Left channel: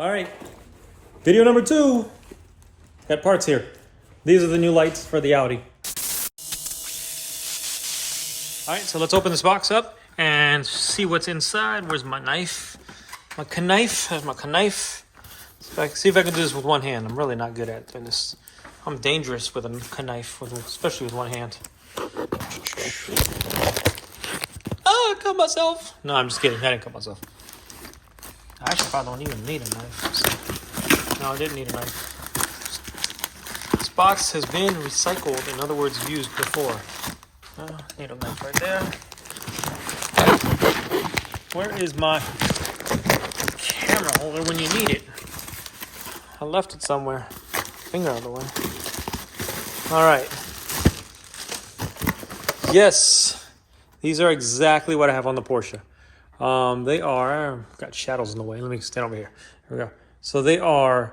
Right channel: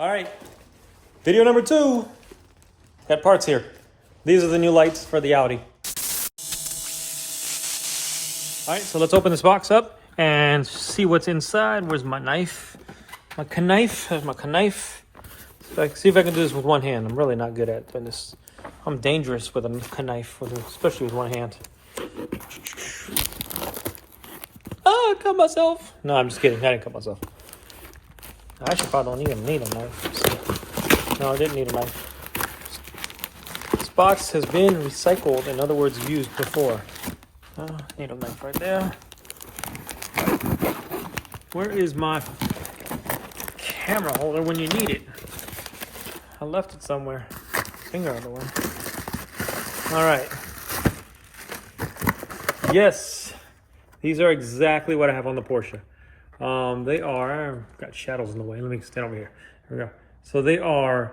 All right, video number 2. Got parts here. These are the new lights for the Audi. All right, so let's open this box up and see what's inside. Where's my knife? My knife. There's my knife. See if I can do this with one hand. I'm really not good at doing this. I'm dangerous with a knife, especially with one hand. Oh, I cut myself. No, I'm just kidding. I didn't cut myself. I actually probably don't even need a knife. So. No, I didn't need a knife. This box has been recycled. In other words, used before. Need a knife right there. Where is my camera holder when you need it? I left it somewhere. Finger out of the way. All right. Yes, these are exactly what I have on the Porsche. They are, got shadows in the way. Let me stand over here. Here we go. So they are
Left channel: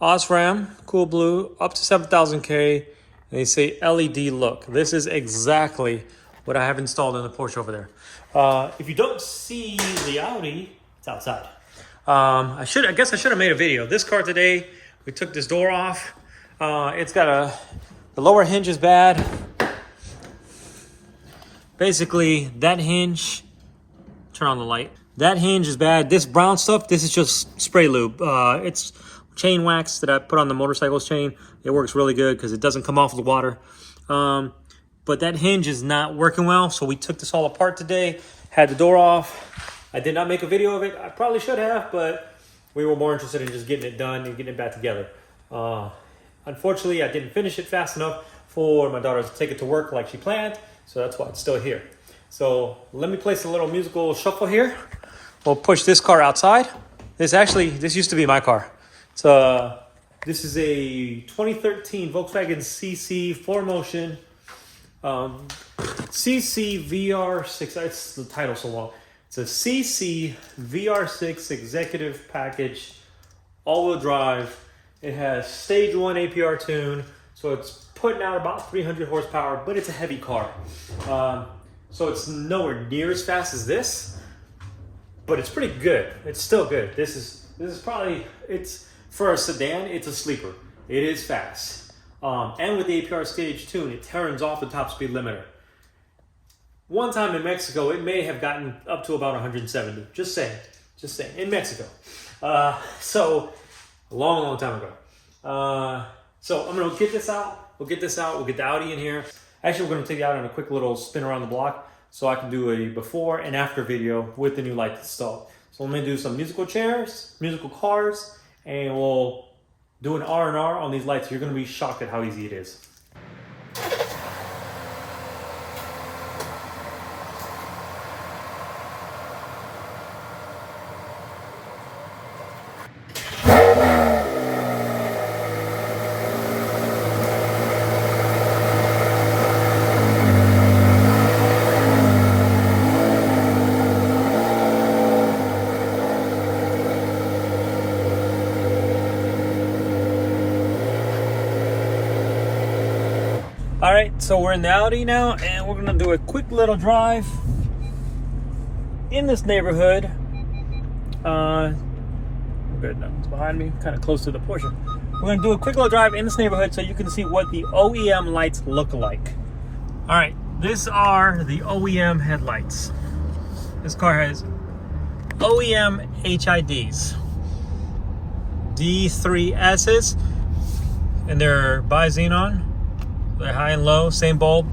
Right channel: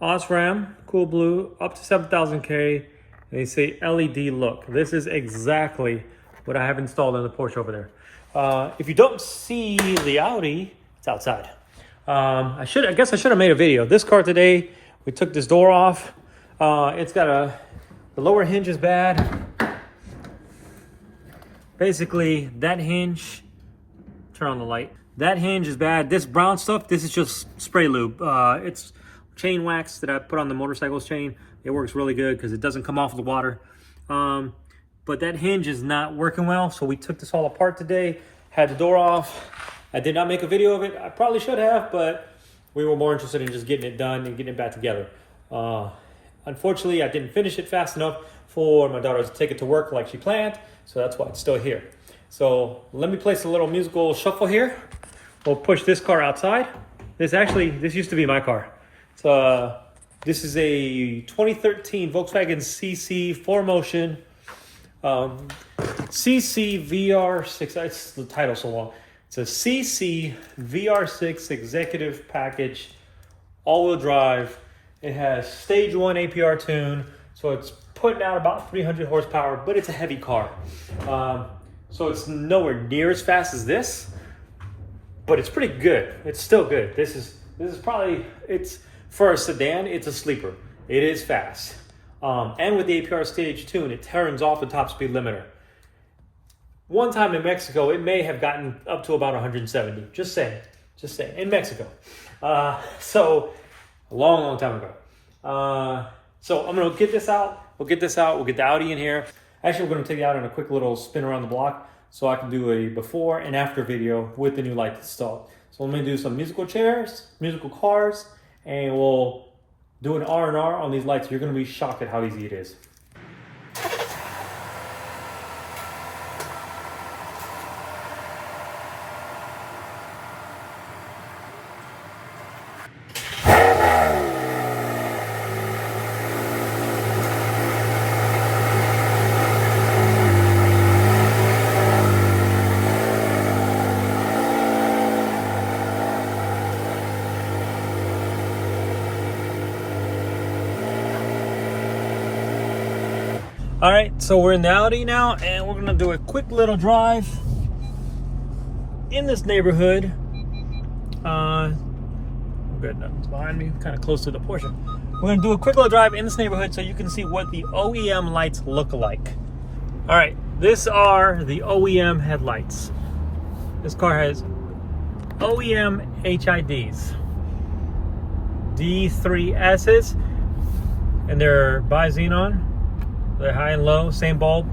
Osram, Cool Blue, up to 7,000K. They say LED look. This is exactly what I have installed in the Porsche over there. If you don't see the Audi, it's outside. I guess I should have made a video. This car today, we took this door off. It's got the lower hinge is bad. Basically, that hinge, turn on the light. That hinge is bad. This brown stuff, this is just spray lube. It's chain wax that I put on the motorcycle's chain. It works really good because it doesn't come off the water. But that hinge is not working well, so we took this all apart today, had the door off. I did not make a video of it. I probably should have, but we were more interested in just getting it done and getting it back together. Unfortunately, I didn't finish it fast enough for my daughter to take it to work like she planned, so that's why it's still here. So let me place a little musical shuffle here. We'll push this car outside. This used to be my car. This is a 2013 Volkswagen CC 4Motion CC VR6. It's the title so long. It's a CC VR6 executive package, all-wheel drive. It has stage 1 APR tune, so it's putting out about 300 horsepower, but it's a heavy car. So it's nowhere near as fast as this, but it's pretty good. It's still good. This is probably, it's for a sedan, it's a sleeper. It is fast. And with the APR stage tune, it turns off the top speed limiter. One time in Mexico, it may have gotten up to about 170. Just saying, in Mexico. So a long time ago. So I'm gonna get this out. We'll get the Audi in here. Actually, we're gonna take it out on a quick little spin around the block so I can do a before and after video with the new light installed. So let me do some musical chairs, musical cars, and we'll do an R&R on these lights. You're gonna be shocked at how easy it is. All right, so we're in the Audi now, and we're gonna do a quick little drive in this neighborhood. Good, nothing's behind me, kind of close to the Porsche. We're gonna do a quick little drive in this neighborhood so you can see what the OEM lights look like. All right, these are the OEM headlights. This car has OEM HIDs, D3Ss, and they're bi-xenon. They're high and low, same bulb.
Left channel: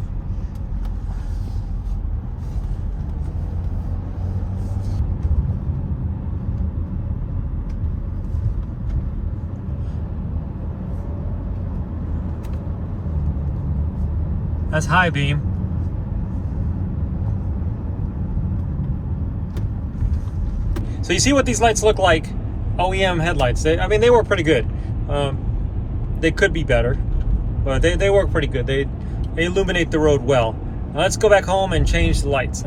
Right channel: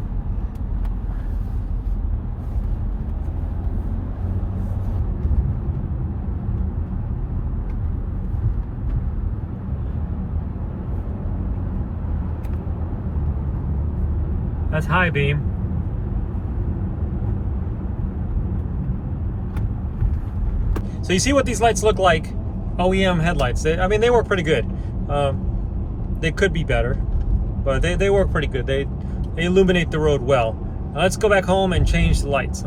That's high beam. So you see what these lights look like, OEM headlights. I mean, they work pretty good. They could be better, but they work pretty good. They illuminate the road well. Now let's go back home and change the lights.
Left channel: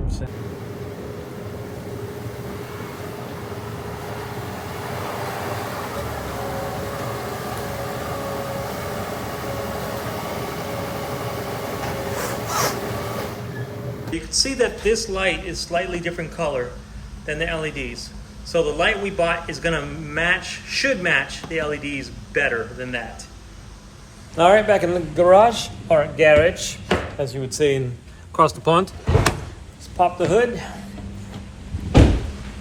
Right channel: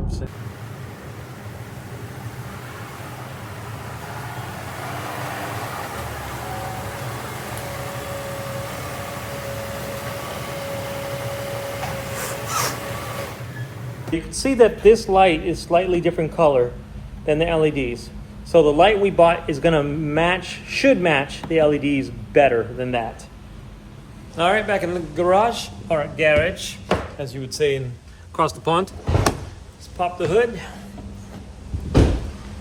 You can see that this light is slightly different color than the LEDs. So the light we bought is gonna should match the LEDs better than that. All right, back in the garage, or garage, as you would say across the pond. Let's pop the hood.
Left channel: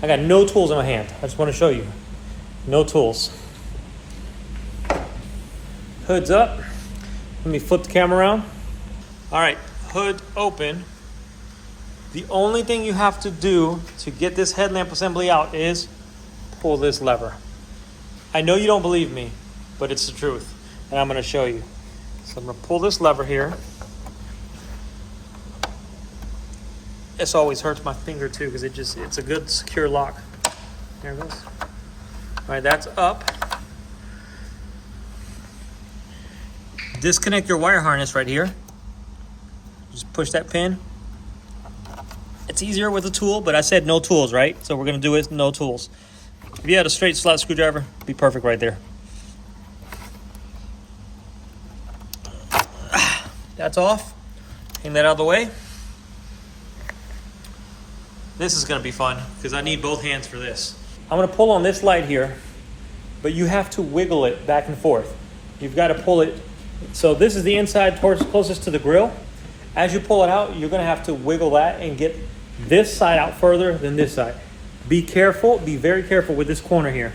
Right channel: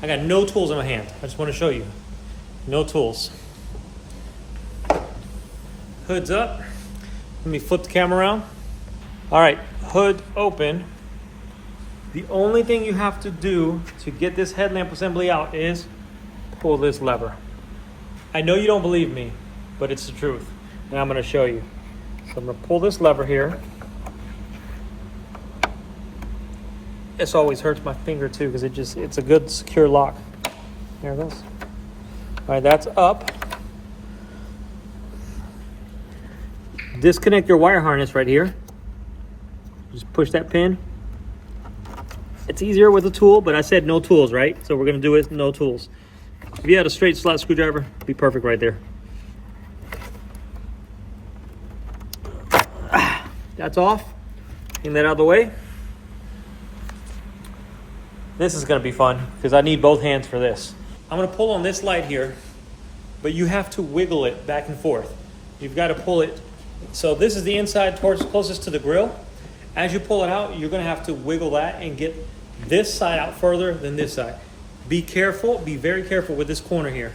I got no tools in my hand. I just want to show you. No tools. Hood's up. Let me flip the camera around. All right, hood open. The only thing you have to do to get this headlamp assembly out is pull this lever. I know you don't believe me, but it's the truth, and I'm going to show you. So I'm going to pull this lever here. This always hurts my finger too because it's a good secure lock. There it goes. All right, that's up. Disconnect your wire harness right here. Just push that pin. It's easier with a tool, but I said no tools, right? So we're gonna do it no tools. If you had a straight slot screwdriver, it'd be perfect right there. That's off. Hang that out of the way. This is gonna be fun because I need both hands for this. I'm gonna pull on this light here, but you have to wiggle it back and forth. You've got to pull it. So this is the inside closest to the grill. As you pull it out, you're gonna have to wiggle that and get this side out further than this side. Be careful, be very careful with this corner here,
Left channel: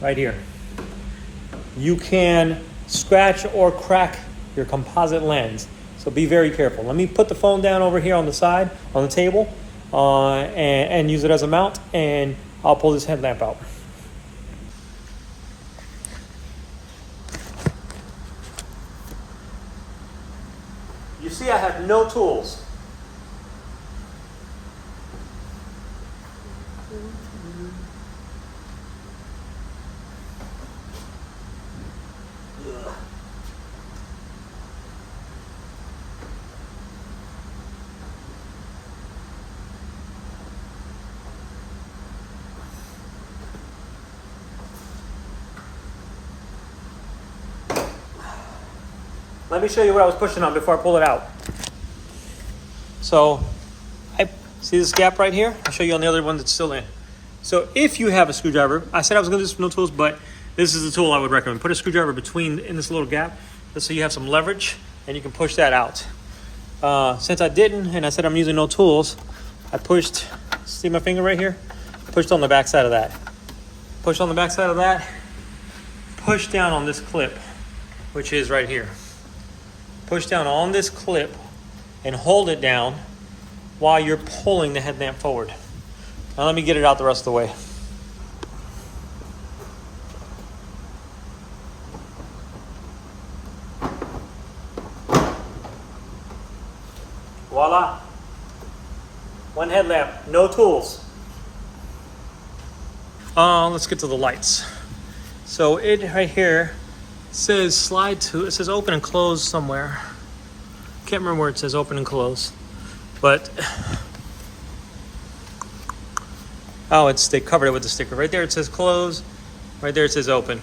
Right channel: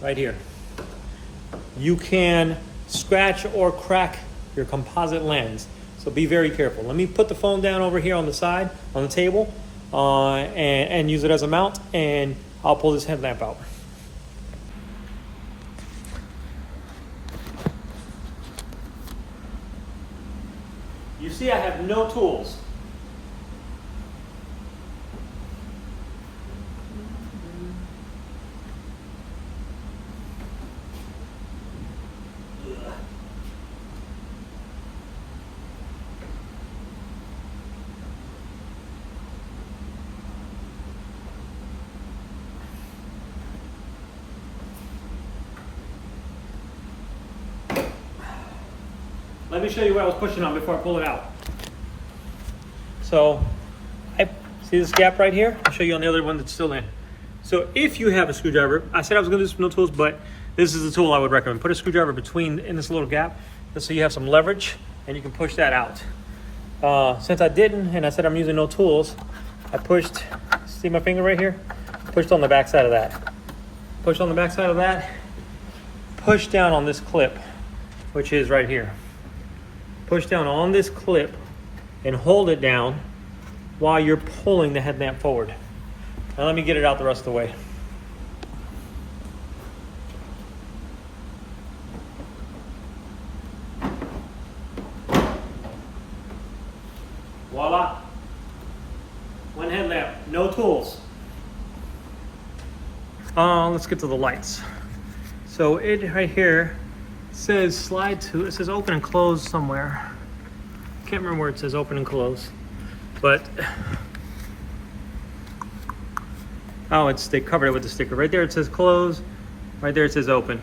right here. You can scratch or crack your composite lens. So be very careful. Let me put the phone down over here on the side, on the table, and use it as a mount, and I'll pull this headlamp out. You see, I have no tools. Let me show you what I was pushing on before I pull it out. So, I see this gap right here? I'll show you on the other one that's still in. So if you have a screwdriver, I said I was gonna do this with no tools, but this is the tool I would recommend. Put a screwdriver in this little gap, just so you have some leverage, and you can push that out. Since I didn't, and I said I'm using no tools, I pushed, see my finger right here? Pushed on the back side of that. Push on the back side of that, push down on this clip, which is right here. Push down on this clip and hold it down while you're pulling the headlamp forward. Now let me get it out the rest of the way. Voila. One headlamp, no tools. Let's get to the lights. So it right here says slide to, it says open and close somewhere. Can't remember where it says open and close, but they covered it with the sticker. Right there it says close, right there it says open.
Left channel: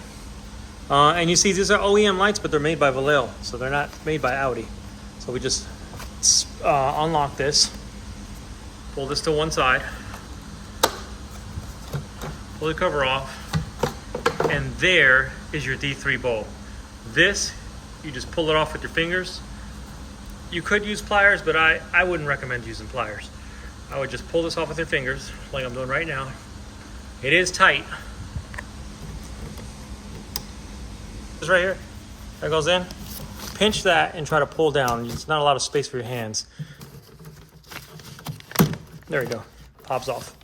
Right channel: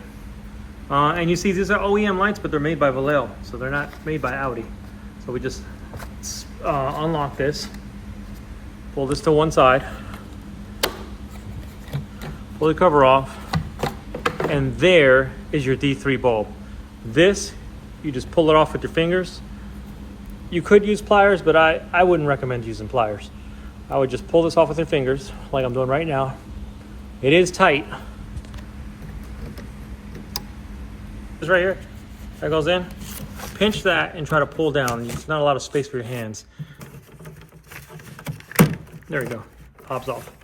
And you see these are OEM lights, but they're made by Vallejo, so they're not made by Audi. So we just unlock this, pull this to one side, pull the cover off, and there is your D3 bulb. This, you just pull it off with your fingers. You could use pliers, but I wouldn't recommend using pliers. I would just pull this off with your fingers, like I'm doing right now. It is tight. This right here, that goes in. Pinch that and try to pull down. It's not a lot of space for your hands. There we go, pops off.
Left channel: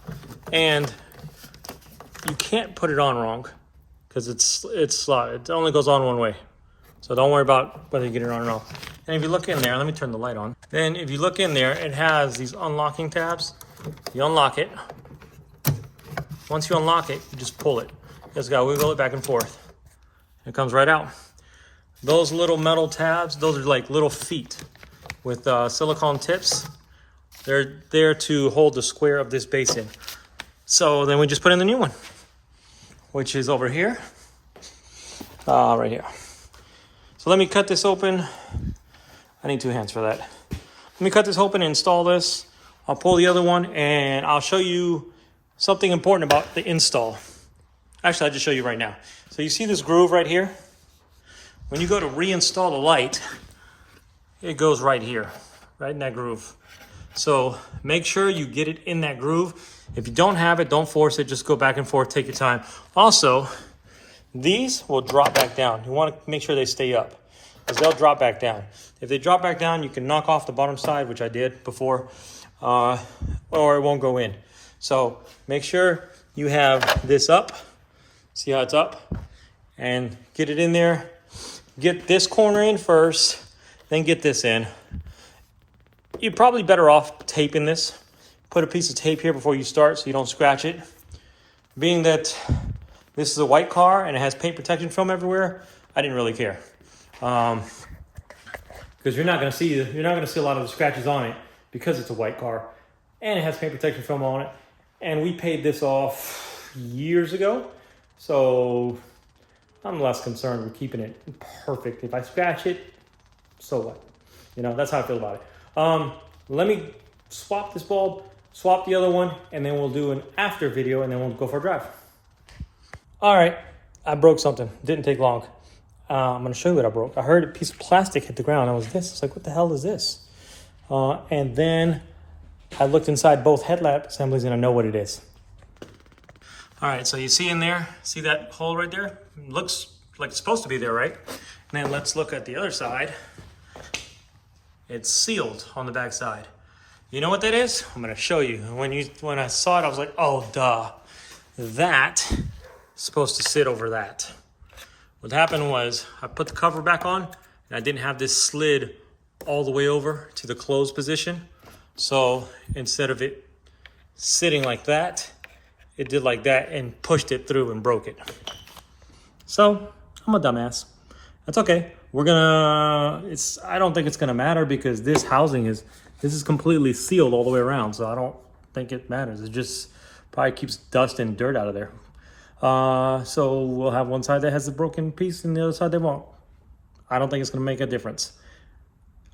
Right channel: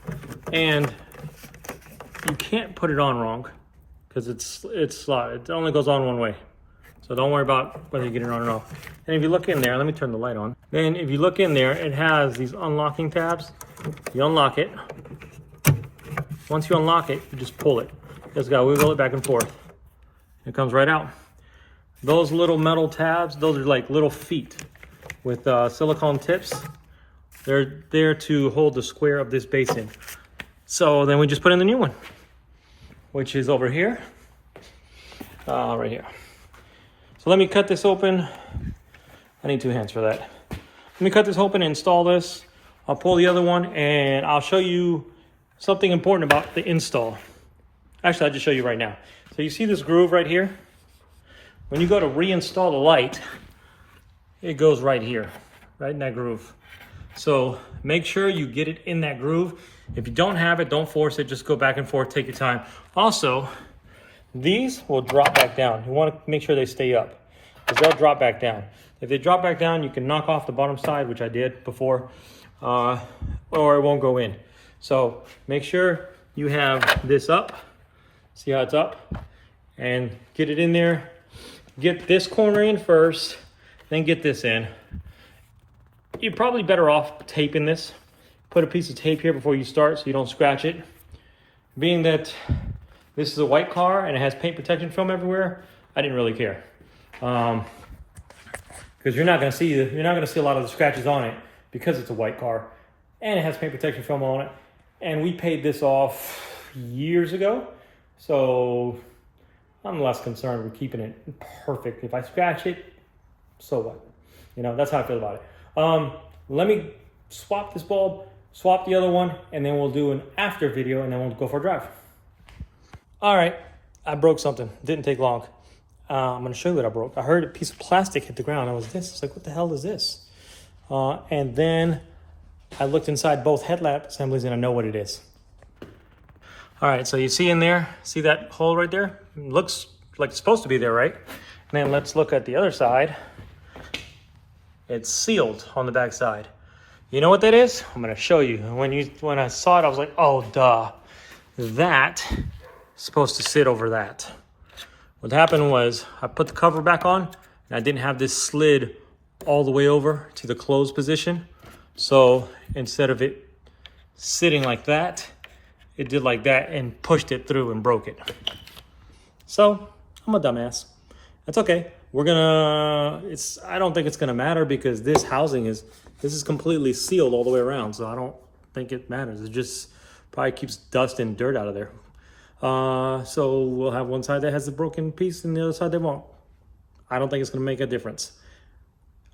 And you can't put it on wrong because it only goes on one way. So don't worry about whether you get it on or not. And if you look in there, let me turn the light on. Then if you look in there, it has these unlocking tabs. You unlock it. Once you unlock it, you just pull it. You just gotta wiggle it back and forth. It comes right out. Those little metal tabs, those are like little feet with silicone tips. They're there to hold the square of this base in. So then we just put in the new one, which is over here, right here. So let me cut this open. I need two hands for that. Let me cut this open and install this. I'll pull the other one and I'll show you something important about the install. Actually, I'll just show you right now. So you see this groove right here? When you go to reinstall the light, it goes right here, right in that groove. So make sure you get it in that groove. If you don't have it, don't force it. Just go back and forth, take your time. Also, these will drop back down. You want to make sure they stay up because they'll drop back down. If they drop back down, you can knock off the bottom side, which I did before, or it won't go in. So make sure you have this up. See how it's up? And get it in there. Get this corner in first, then get this in. You're probably better off taping this. Put a piece of tape here before you start so you don't scratch it. Being that this is a white car and it has paint protection film everywhere, I didn't really care. Because you're not gonna see a lot of the scratches on it because it's a white car and it has paint protection film on it. And we paid this off years ago. So I'm less concerned with keeping it perfect. If I scratch it, so what? You know, that's how I feel about it. Let me swap this bulb, swap the other one, and then we'll do an after video, and then we'll go for a drive. All right, I broke something. Didn't take long. I'm gonna show you what I broke. I heard a piece of plastic hit the ground. I was it's like, what the hell is this? And then I looked inside both headlamp assemblies, and I know what it is. All right, so you see in there, see that hole right there? It looks like it's supposed to be there, right? And then let's look at the other side. It's sealed on the back side. You know what that is? I'm gonna show you. When I saw it, I was like, oh, duh. That's supposed to sit over that. What happened was I put the cover back on and I didn't have this slid all the way over to the closed position. So instead of it sitting like that, it did like that and pushed it through and broke it. So I'm a dumbass. That's okay. I don't think it's gonna matter because this housing this is completely sealed all the way around. So I don't think it matters. It just probably keeps dust and dirt out of there. So we'll have one side that has a broken piece and the other side they won't. I don't think it's gonna make a difference.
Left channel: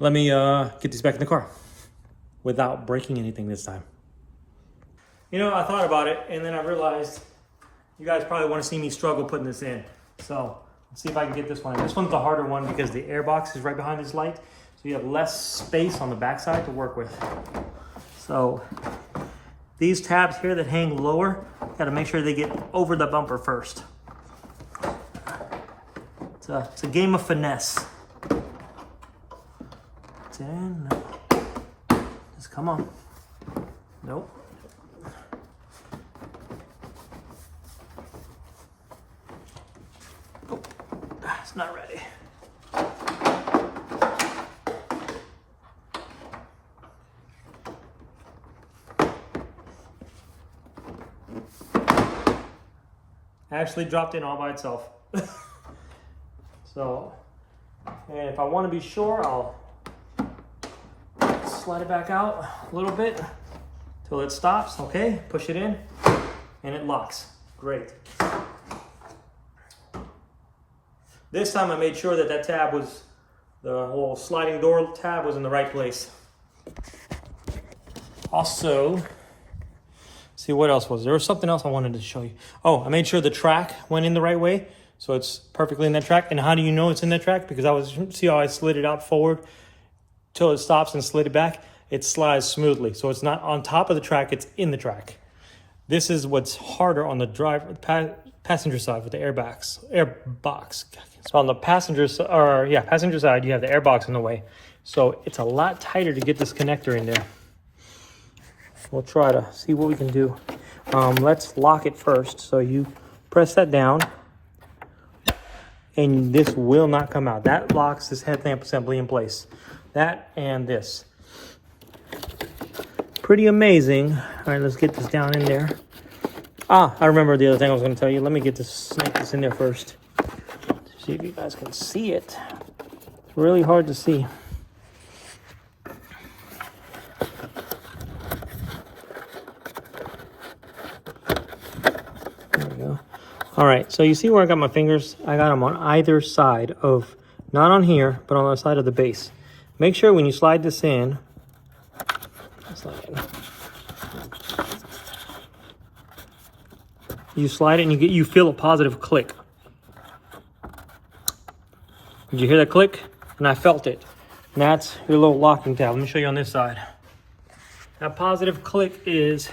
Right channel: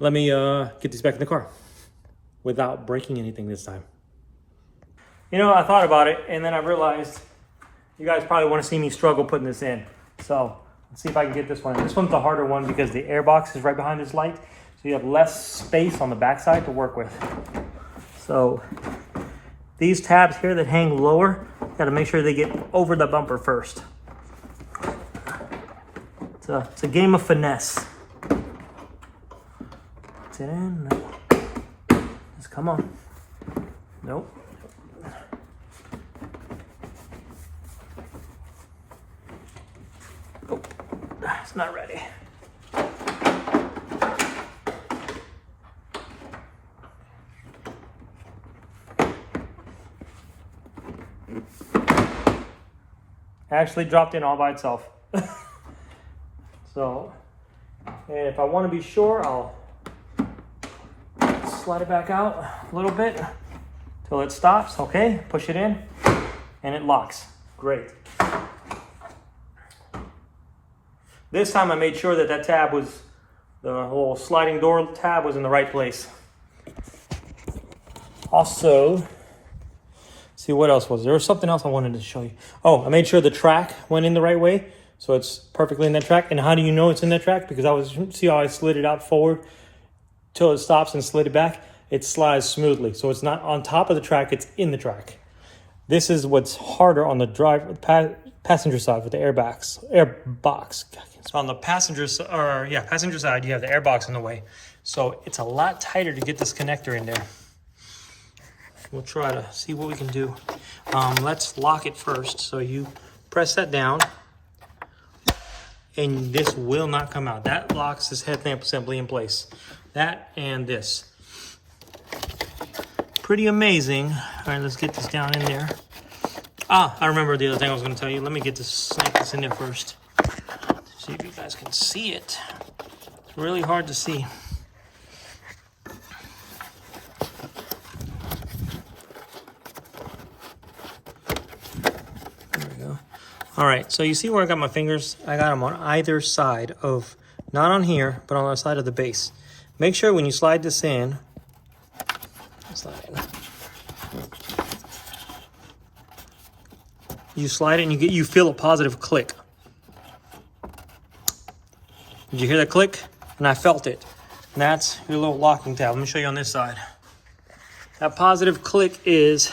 Let me get these back in the car without breaking anything this time. You know, I thought about it and then I realized you guys probably want to see me struggle putting this in. So let's see if I can get this one in. This one's the harder one because the air box is right behind this light. So you have less space on the backside to work with. So these tabs here that hang lower, got to make sure they get over the bumper first. It's a game of finesse. Get it in? No. Just come on. Nope. Oh, it's not ready. Actually dropped in all by itself. So, and if I want to be sure, I'll slide it back out a little bit till it stops. Okay, push it in and it locks. Great. This time I made sure that that tab was, the whole sliding door tab was in the right place. Also, see what else was there? Was something else I wanted to show you. Oh, I made sure the track went in the right way. So it's perfectly in that track. And how do you know it's in that track? Because see how I slid it out forward till it stops and slid it back? It slides smoothly. So it's not on top of the track, it's in the track. This is what's harder on the passenger side with the airbox. So on the passenger side, you have the airbox in the way. So it's a lot tighter to get this connector in there. We'll try to see what we can do. Let's lock it first. So you press that down and this will not come out. That locks this headlamp assembly in place. That and this. Pretty amazing. All right, let's get this down in there. I remember the other thing I was gonna tell you. Let me snake this in there first. See if you guys can see it. It's really hard to see. All right, so you see where I got my fingers? I got them on either side of, not on here, but on the side of the base. Make sure when you slide this in, you slide it and you feel a positive click. Did you hear that click? And I felt it. And that's your little locking tab. Let me show you on this side. That positive click is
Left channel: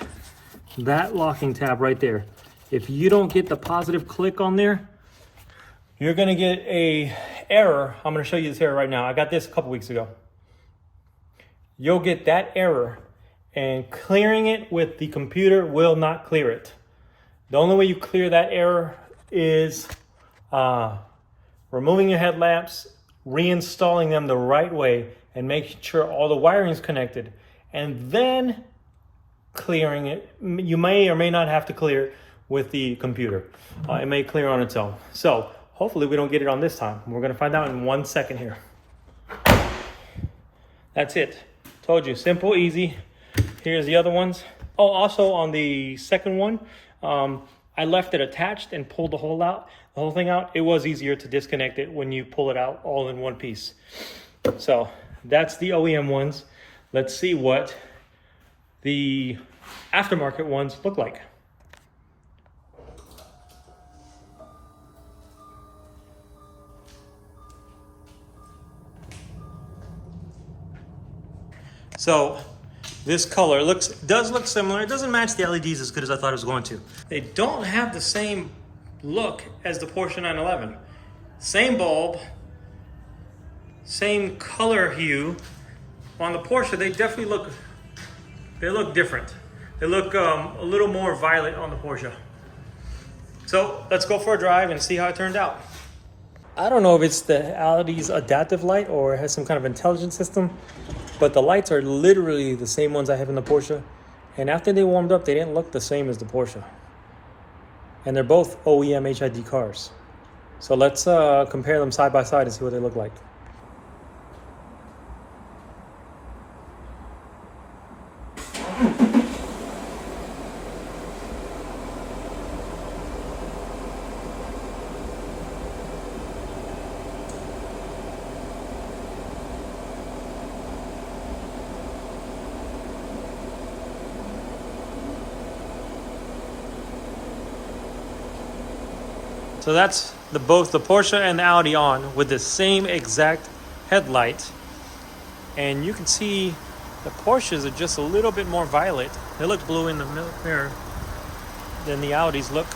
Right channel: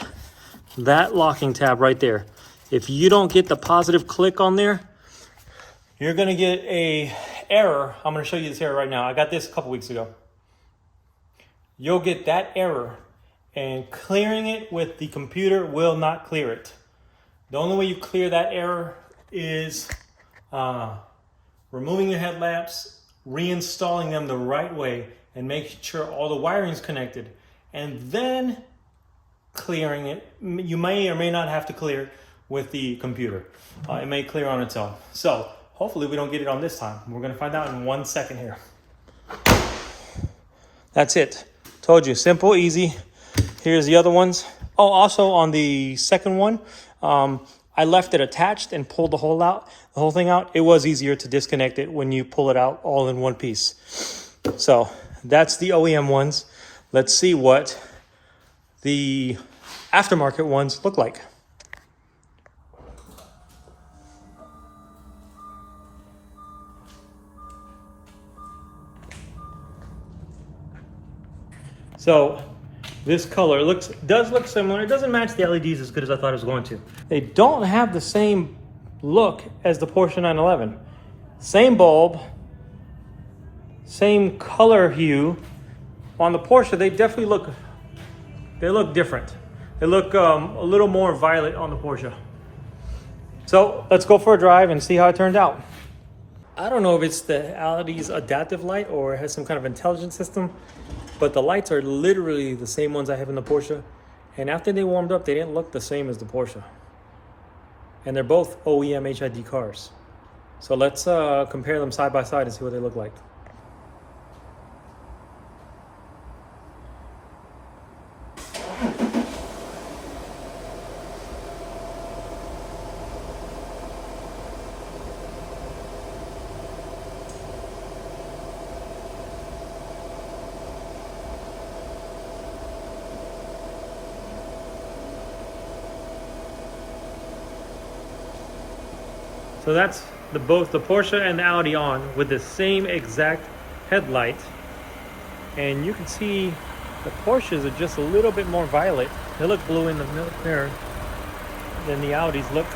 that locking tab right there. If you don't get the positive click on there, you're gonna get a error. I'm gonna show you this error right now. I got this a couple weeks ago. You'll get that error, and clearing it with the computer will not clear it. The only way you clear that error is removing your headlamps, reinstalling them the right way, and making sure all the wiring is connected, and then clearing it. You may or may not have to clear with the computer. It may clear on its own. So hopefully we don't get it on this time. We're gonna find out in 1 second here. That's it. Told you, simple, easy. Here's the other ones. Oh, also on the second one, I left it attached and pulled the whole thing out. It was easier to disconnect it when you pull it out all in one piece. So that's the OEM ones. Let's see what the aftermarket ones look like. So this color does look similar. It doesn't match the LEDs as good as I thought it was going to. They don't have the same look as the Porsche 911. Same bulb, same color hue. On the Porsche, they definitely look different. They look a little more violet on the Porsche. So let's go for a drive and see how it turned out. I don't know if it's the Audi's adaptive light or it has some kind of intelligent system, but the lights are literally the same ones I have in the Porsche. And after they warmed up, they didn't look the same as the Porsche. And they're both OEM HID cars. So let's compare them side by side and see what they look like. So that's both the Porsche and the Audi on with the same exact headlight. And you can see the Porsches are just a little bit more violet. They look blue in the mirror than the Audis look.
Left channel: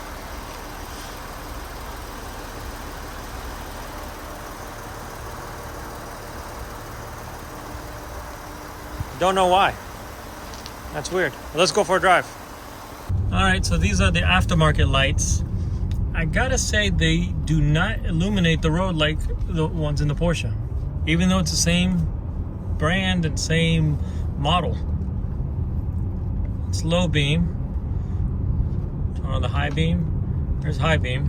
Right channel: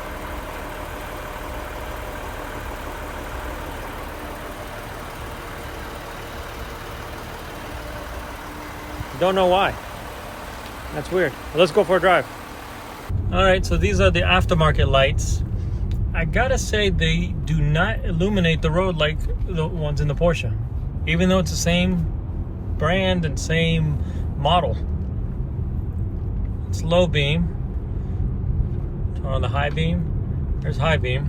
Don't know why. That's weird. Well, let's go for a drive. All right, so these are the aftermarket lights. I gotta say, they do not illuminate the road like the ones in the Porsche, even though it's the same brand and same model. It's low beam. Turn on the high beam. There's high beam.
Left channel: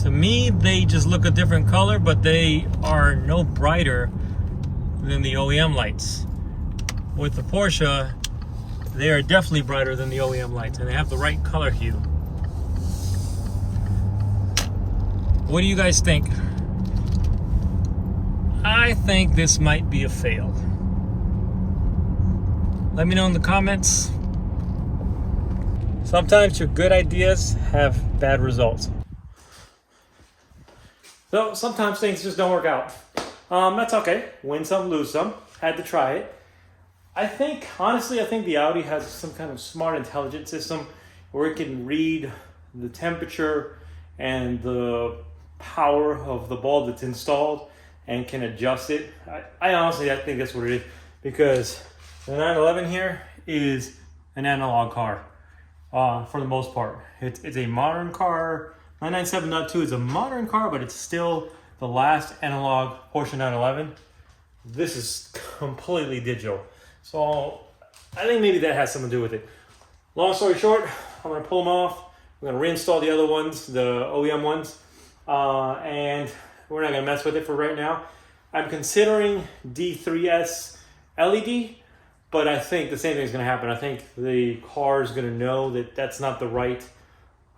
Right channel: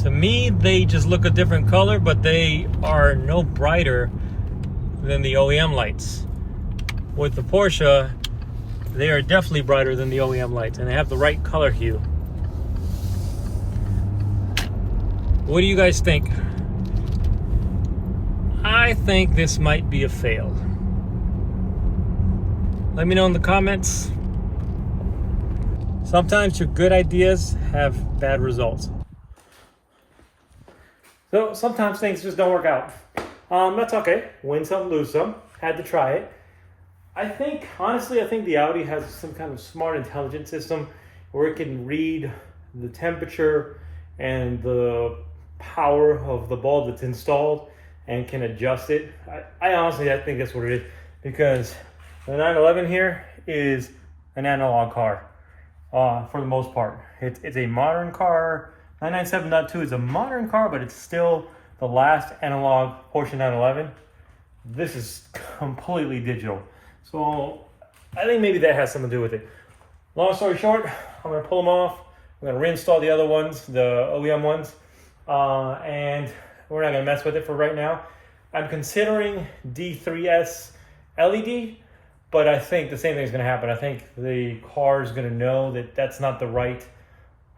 To me, they just look a different color, but they are no brighter than the OEM lights. With the Porsche, they are definitely brighter than the OEM lights, and they have the right color hue. What do you guys think? I think this might be a fail. Let me know in the comments. Sometimes your good ideas have bad results. So sometimes things just don't work out. That's okay. Win some, lose some. Had to try it. Honestly, I think the Audi has some kind of smart intelligence system where it can read the temperature and the power of the bulb that's installed and can adjust it. I honestly think that's what it is, because the 911 here is an analog car for the most part. It's a modern car. 997.2 is a modern car, but it's still the last analog Porsche 911. This is completely digital. So I think maybe that has something to do with it. Long story short, I'm gonna pull them off. I'm gonna reinstall the other ones, the OEM ones, and we're not gonna mess with it for right now. I'm considering D3S LED, but I think the same thing is gonna happen. I think the car is gonna know that that's not the right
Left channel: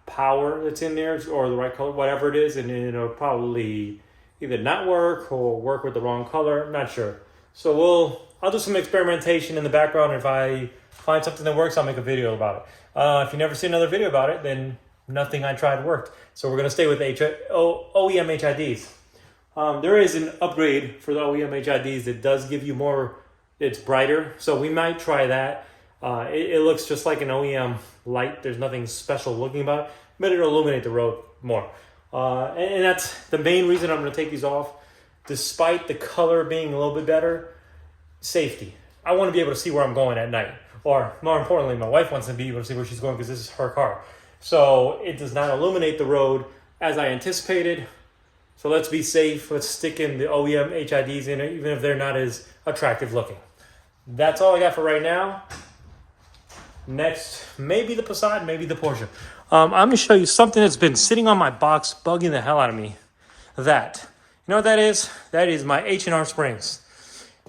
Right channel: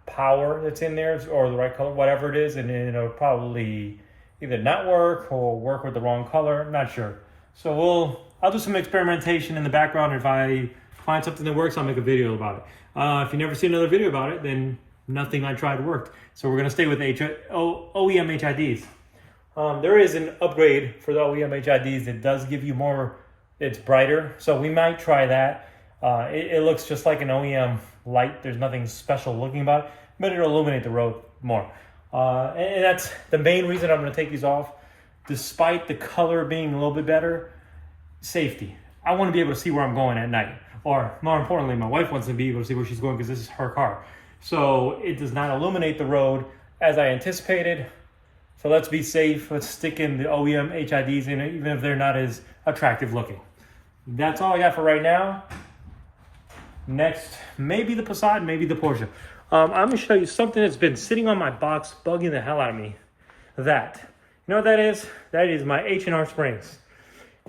power that's in there, or the right color, whatever it is, and then it'll probably either not work or work with the wrong color. I'm not sure. So I'll do some experimentation in the background. If I find something that works, I'll make a video about it. If you never see another video about it, then nothing I tried worked. So we're gonna stay with OEM HIDs. There is an upgrade for the OEM HIDs that does give you more, it's brighter. So we might try that. It looks just like an OEM light. There's nothing special looking about it, but it'll illuminate the road more. And that's the main reason I'm gonna take these off. Despite the color being a little bit better, safety. I wanna be able to see where I'm going at night. Or more importantly, my wife wants to be able to see where she's going because this is her car. So it does not illuminate the road as I anticipated. So let's be safe. Let's stick in the OEM HIDs in it, even if they're not as attractive looking. That's all I got for right now. Next, maybe the Passat, maybe the Porsche. I'm gonna show you something that's been sitting on my box, bugging the hell out of me. You know what that is? That is my H&R springs.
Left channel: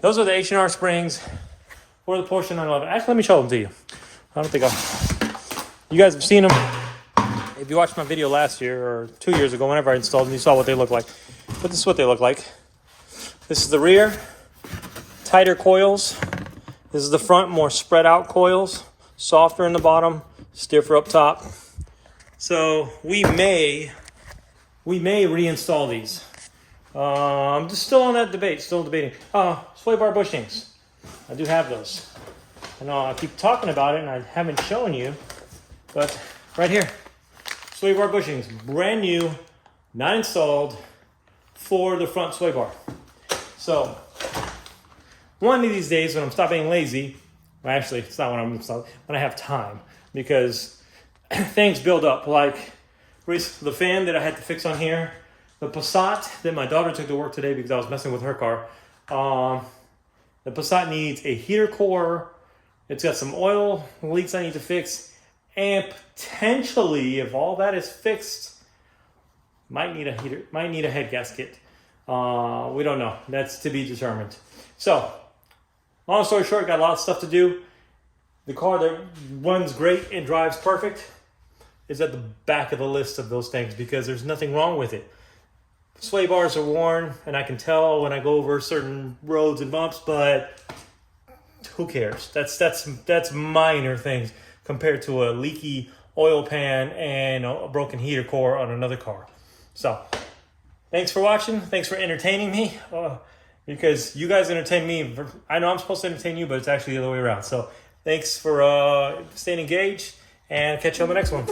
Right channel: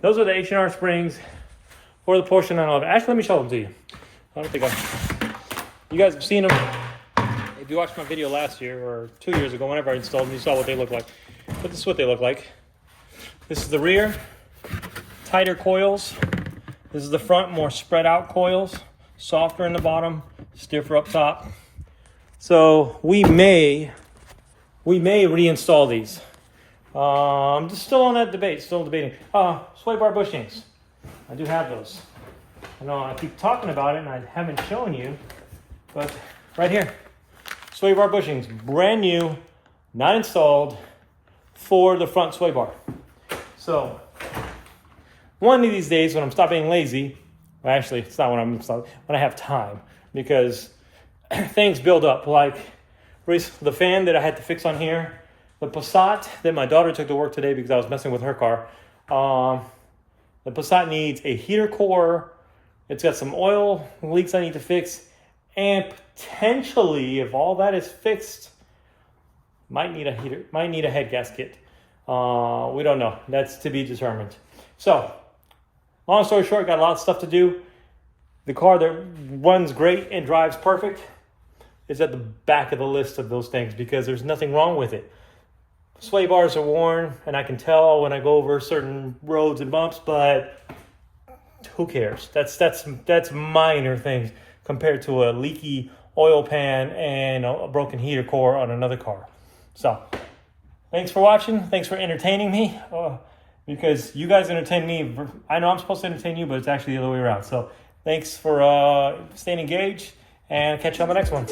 Those are the H&R springs for the Porsche 911. Actually, let me show them to you. I don't think you guys have seen them. If you watched my video last year or 2 years ago, whenever I installed them, you saw what they look like. But this is what they look like. This is the rear, tighter coils. This is the front, more spread out coils, softer in the bottom, stiffer up top. So we may reinstall these. I'm just still on that debate, still debating. Sway bar bushings. I do have those. I know I keep talking about it and I haven't shown you, but right here. Sway bar bushings, brand new, not installed, for the front sway bar. So one of these days when I'm stop being lazy, well, actually it's not when I have time, because things build up. Like the fan that I had to fix on here, the Passat that my daughter took to work today because I was messing with her car. The Passat needs a heater core. It's got some oil leaks I need to fix, and potentially, if all that is fixed, might need a heater, might need a head gasket. We don't know. That's to be determined. So, long story short, got a lot of stuff to do. The car that runs great and drives perfect is at the back of the list of those things because there's nothing wrong with it. Sway bars are worn, and I can tell when I go over certain roads and bumps, but who cares? That's minor things compared to a leaky oil pan and a broken heater core on another car. So, thanks for watching. Thanks for entertaining me. Because you guys entertain me. I know I'm supposed to entertain you, but it's actually the other way around. So, thanks for staying engaged, and catch you on the next one.